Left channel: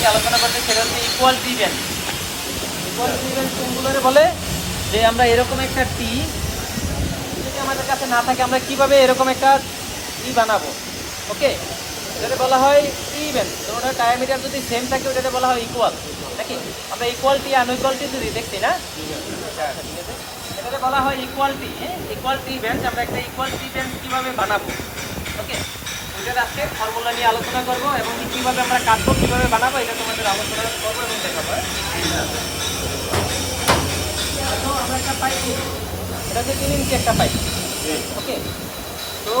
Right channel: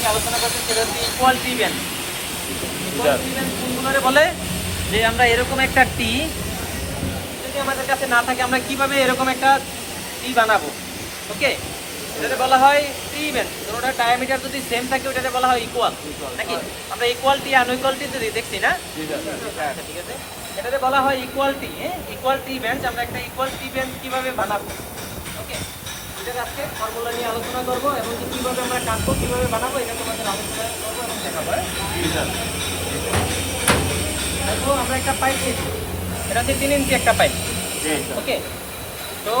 তো আজকে তোমাদের সাথে যে টপিকটি আলোচনা করতে সেটা হচ্ছে ইকুয়ালিটি ব্যান্ড ইকুয়ালিটি ব্যান্ড কোনগুলোরে বলে? যে আমরা এরকম একটা টি যদি আমাদের কাছে না থাকে, আমরা কীভাবে এরকম একটা টি বানাবো? ওকে যেটা বলা হয় টি তো ওটার ডায়ামিটার যদি সেম থাকে, ওটাকে বলা হয় ইকুয়াল নাকি? আমরা ইকুয়ালিটি আনইকুয়ালিটি যদি দেখছি, না? ঠিক আছে? এটাকে বলা হয় ইকুয়ালিটি ইকুয়াল টি ব্যান্ড আমরা একটা ইকুয়াল টি ব্যান্ড কীভাবে বানাবো? ওকে আজকে ফর্মুলা নিয়ে আলোচনা করব এবং কীভাবে আমরা কাটবো কীভাবে বানাবো, এটা তোমাদের আলোচনা করব এবং দেখাবো। দেখো, আমরা একটা পাইপ দিয়েছি এটা হচ্ছে তিন ইঞ্চি একটা পাইপ ওকে তো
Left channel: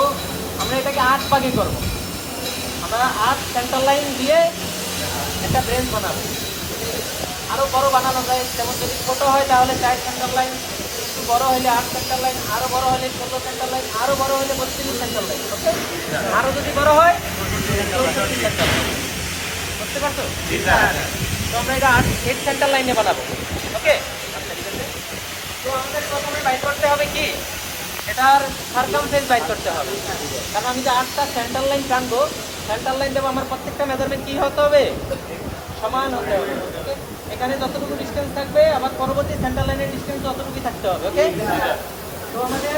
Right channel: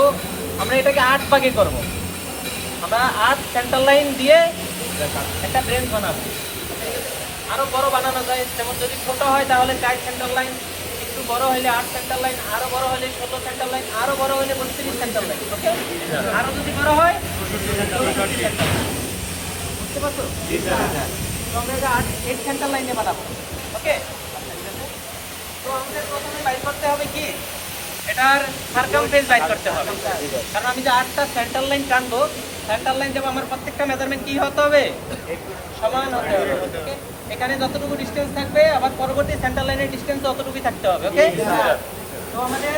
আমরা এটাকে আট ভাগে করব। আমরা আট সেন্টার লাইন দিয়ে একটা ব্রেঞ্চ বানাবো। আরও বড় বানানো যায়, যেমন যদি ছোট হয় তাহলে চার সেন্টার লাইন বড় হলে আট সেন্টার লাইন, আরও বড় হলে ষোলো সেন্টার লাইন, আরও বড় হলে বত্রিশ সেন্টার লাইন। আরও যদি বড় হয়? তো আমরা এটা এইট সেন্টার লাইনে বানাবো। ওকে? তো আমাদের প্রথমে বাইর করতে হবে কি? এটার সার্কামফেস বাইর করতে হবে। কারণ আমি যে আটটা সেন্টার লাইন টানবো সেন্টার লাইন দেবো, আমার প্রত্যেকটা মেজারমেন্ট কি হতে হবে? সমান হতে হবে? এখানে যতটুকু ডিস্টেন্স থাকবে, আবার পরবর্তী সেন্টার লাইনের ডিস্টেন্স ততটুকুই থাকতে হবে ওকে তো আমাদের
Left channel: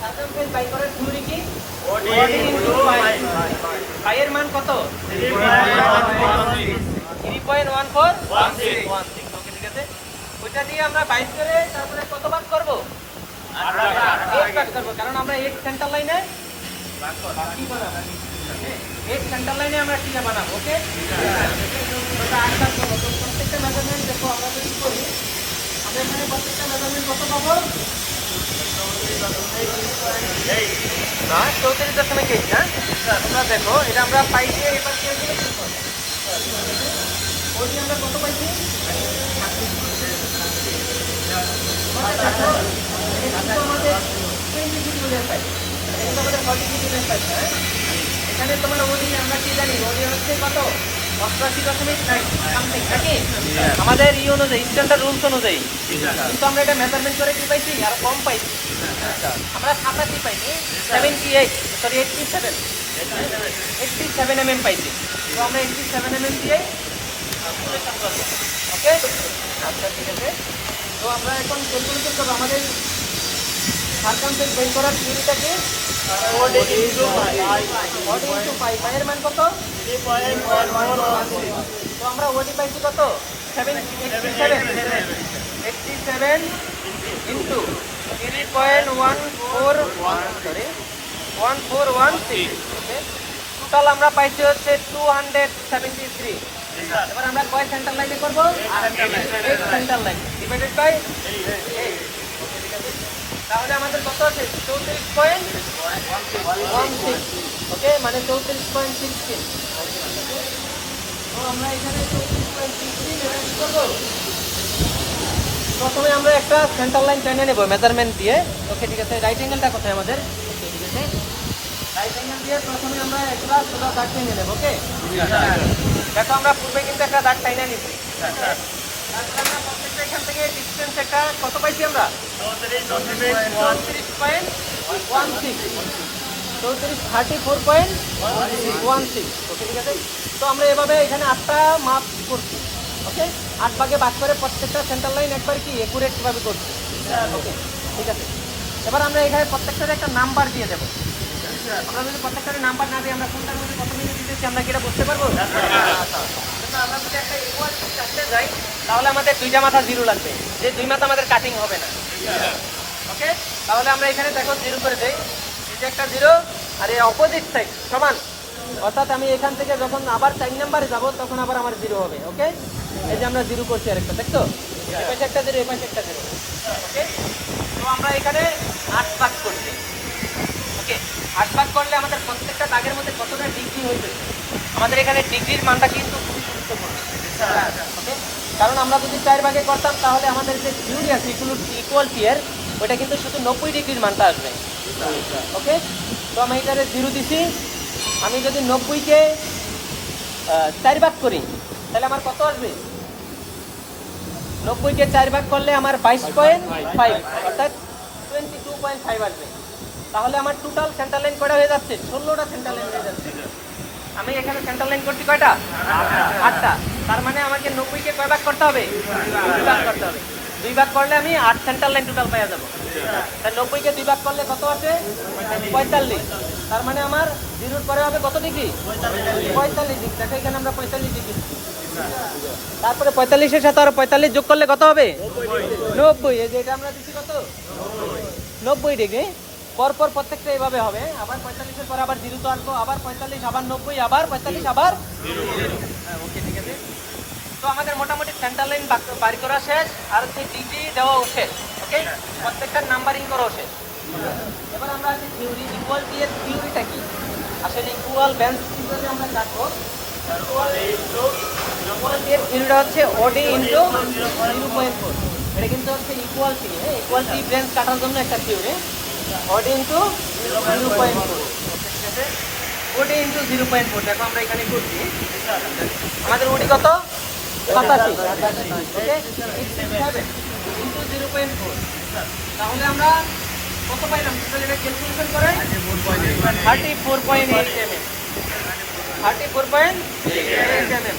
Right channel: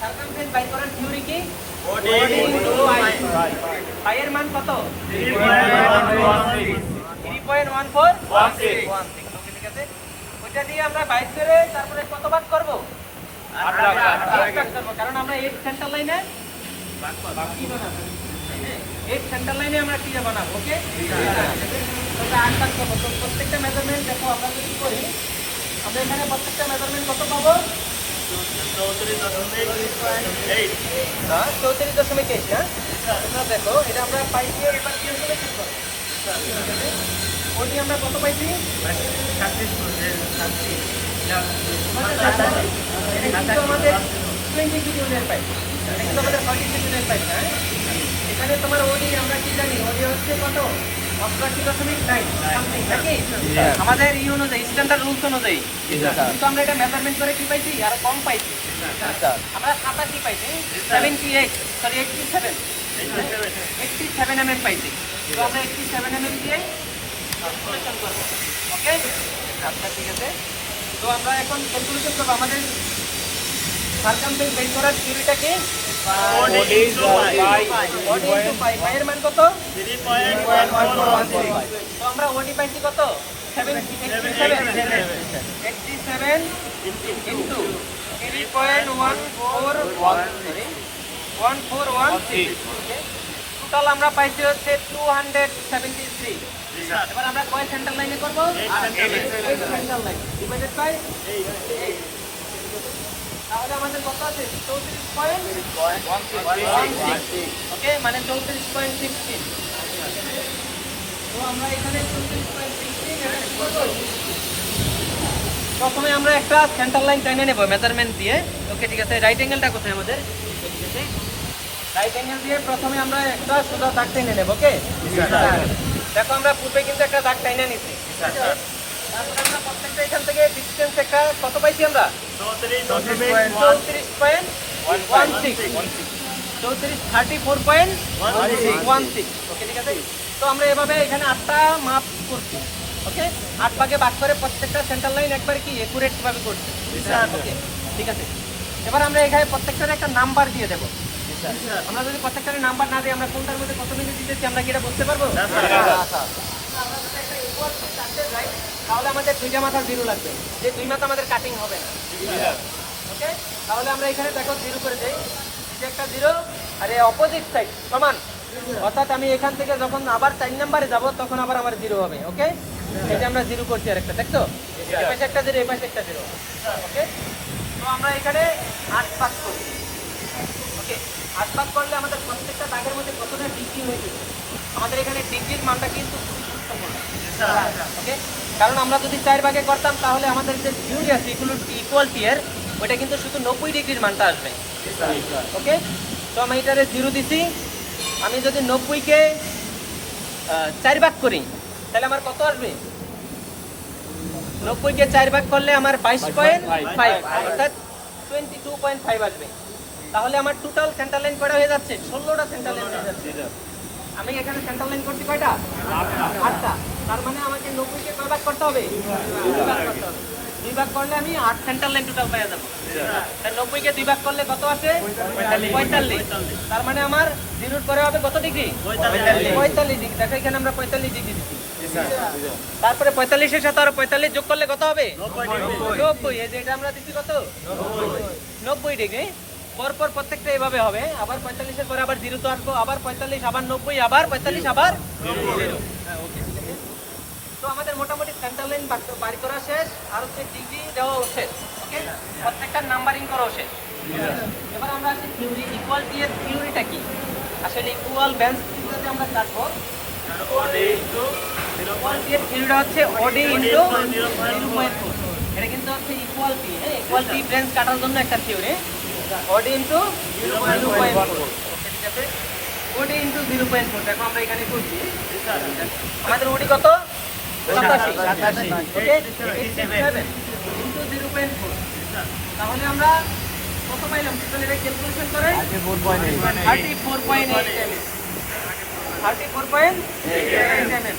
সার্কামফেস বাইর করার থিওরি কি? মান কত? Three point one four one okay ঠিক আছে। ওইটা দিয়ে আমরা বাইশ করে তারপরে কত করব? কারণ আমরা এইট সেন্টার লাইনে কি বানাবো এইট সেন্টার লাইনে আমরা টিয়া বানাবো ওকে আট করব তো প্রত্যেকটা মেজারমেন্ট দেখো আমরা কি করি আমরা এখানে প্রত্যেকটা মেজারমেন্ট কত পাবো চৌত্রিশ দশমিক এইট না তোমরা দেখো এটা আমরা পাই দিয়ে এবার ওটি আমরা কত পাইছি আমাদের টোয়েন্টি কিলোমিটার পাই এটা আমাদের ফর্টি কিলোমিটার পাই হ্যাঁ এখানে তোমার ওডি আমরা কি জানি ওডি হচ্ছে কত অষ্টআশি দশমিক নাইন সামথিং আমাদের ই অনুযায়ী স্ট্যান্ডার্ড রুলস অনুযায়ী। কিন্তু আমরা এটা মেজারমেন্ট করে কি পাইছি? আর কম পাইছি। আমরা সাতাশি পাইছি। Seventy eight sorry eighty seven eighty seven M M পাইছি। তো আমরা এইটটি সেভেন এম এম দিয়ে ওকে আচ্ছা ঠিক আছে। তো আমরা এখন ক্যালকুলেশন করব আমাদের সার্কামফেন্স বের করার থিওরিটা কি ওডি ইনটু পাই পাইয়ের মান কত? তো আমরা ওডি পাইছি কত? Seven eighty seven eighty seven into three point one four sorry one four one six total আমরা পাইছি হচ্ছে টু হান্ড্রেড সেভেন্টি থ্রি এবার আমরা কয় সেন্টার লাইনে করব? সেন্টার লাইন ডিভাইডেড বাই তাহলে আমাদের কত আছে? চৌত্রিশ পয়েন্ট ওকে মানে চৌত্রিশ পয়েন্ট সিক্সটিন তো আমরা এখানে চৌত্রিশ প্রথমে আমরা একটা সেন্টার লাইন টেনে নেব মেজারমেন্ট দিয়ে। ওকে ঠিক আছে রাইট অ্যাঙ্গেলটা কোথায় আমাদের? রাইট অ্যাঙ্গেল দিয়ে প্রথমে আমরা একটা সোজা দাগ টেনে নেব ওকে দেখো, আমরা পূর্বে কিন্তু একটা দাগ টেনে নিচ্ছি তারপর আমরা প্রত্যেকটা এখান থেকে ডিস্টেন্স একটা কত পাইছি আমরা? চৌত্রিশ পয়েন্ট ওয়ান সিক্স। চৌত্রিশ thirty four point one six. Okay ঠিক আছে? তো আমরা এভাবে এখানে আটটা মাপ করছি ওকে? আট ভাগে ভাগ করে প্রত্যেকটা সেন্টার লাইন একবার কি একুরেট ভাবে করছি? ওকে ঠিক আছে। এবার আমরা এখানে প্রত্যেকটার একটা নাম্বার দিয়ে দেবো। আমরা যদি প্রত্যেকটার নাম্বার না দিই আমরা কোনটার মধ্যে কত মিনিট দিতেছি আমরা কি এটা বুঝতে পারব? আমরা যদি একটা যাই তাহলে আমাদের দুইটা মাথা জিরো লাগবে। যে দুই মাথা আমাদের কাটিং হবে না। ওকে তাহলে আমরা এখানে দেখো জিরো করে দেই। একটা জিরো, আর এই অপোজিট সাইড সমান। অর্থাৎ আমি এখান থেকে যখন আবার চার নাম্বারে যাব, তখন আবার আমার জিরো হবে ওকে এই যে আমরা জিরো করছি আরেকটা, দেখছ? এই পাশে একটা জিরো, এই পাশে একটা জিরো ওকে তো আমরা এখানে আট ভাগ করছি ওকে আট ভাগ করলে আমাদের প্রত্যেকটা দাগের মধ্যে কতটা ডিগ্রি হয়েছে আমাদের এখানে ডিগ্রির মানটা কিন্তু খুবই গুরুত্বপূর্ণ ওকে কারণ আমরা যদি চার ভাগে করতাম, তাহলে আমাদের যে থিওরি আছে এগুলো ইকুয়াল টিয়ার ওটা কিন্তু শুধু নব্বই ডিগ্রির মানটা আসবে। ওকে তো আমি এটারে জিরো দিছি। আমি যদি নব্বইকে চার ভাগ করি, তাহলে আমার কত আসবে? নব্বইকে চার ভাগ করলে আমার বাইশ পয়েন্ট ফাইভ অর্থাৎ টোয়েন্টি টু পয়েন্ট ফাইভ আসবে। তাহলে আমার টোটাল সেন্টার লাইন কটা হয়ে যাচ্ছে? ষোলোটা সেন্টার লাইন হয়ে যাচ্ছে। আমি এখানে সেন্টার লাইন করছি কয়টা? আটটা। তার মানে আমাকে নব্বইকে কয় ভাগ করতে হবে? দুই ভাগ করলে আমি আট সেন্টার লাইন টোটাল পাওয়া যাব। তাই নব্বইকে দুই ভাগ করলে কত আসে? পঁয়তাল্লিশ। তার মানে আমার জিরোর পরে হবে কত ডিগ্রি? পঁয়তাল্লিশ। ডিগ্রি। দেখো এখানে আমরা পঁয়তাল্লিশ ডিগ্রি তারপরে পঁয়তাল্লিশের সাথে আরও পঁয়তাল্লিশ যোগ করলে কত হবে? নব্বই এই যে এটা আমরা দিচ্ছি কত? নব্বই ডিগ্রি। পরপর প্রত্যেকটা এভাবে হবে। আবার পঁয়তাল্লিশের পরে আবার জিরো তো আসব আবার পঁয়তাল্লিশ আবার নব্বই আবার পঁয়তাল্লিশ আবার হ্যাঁ, তো আমাদের মোটামুটি সেন্টার লাইন বাড়ি করা শেষ আর হচ্ছে ডিগ্রি দেওয়াও শেষ ওকে প্রত্যেকটার নাম্বারিং করাও শেষ। এবার আমরা আছি থিওরি ইকুয়াল এর থিওরিটা কি? আসলে ইকুয়াল ব্যান্স কীভাবে আমরা থিওরিটা হচ্ছে ওডি ইনটু জিরো এটা কিন্তু হচ্ছে ইকুয়ালটি হ্যাঁ ইকুয়ালটি ব্যান্স কাটার জন্য একটা থিওরি ওডি ইনটু জিরো পয়েন্ট ফোর ঠিক আছে ওডি ইনটু জিরো পয়েন্ট ফোর দেখো আমরা এখানে করছি আমাদের ওডি কত সাতাশি জিরো পয়েন্ট ফোর তাহলে আমরা কত পাইলাম? ক্যালকুলেশন করে thirty four point eight M thirty four point eight M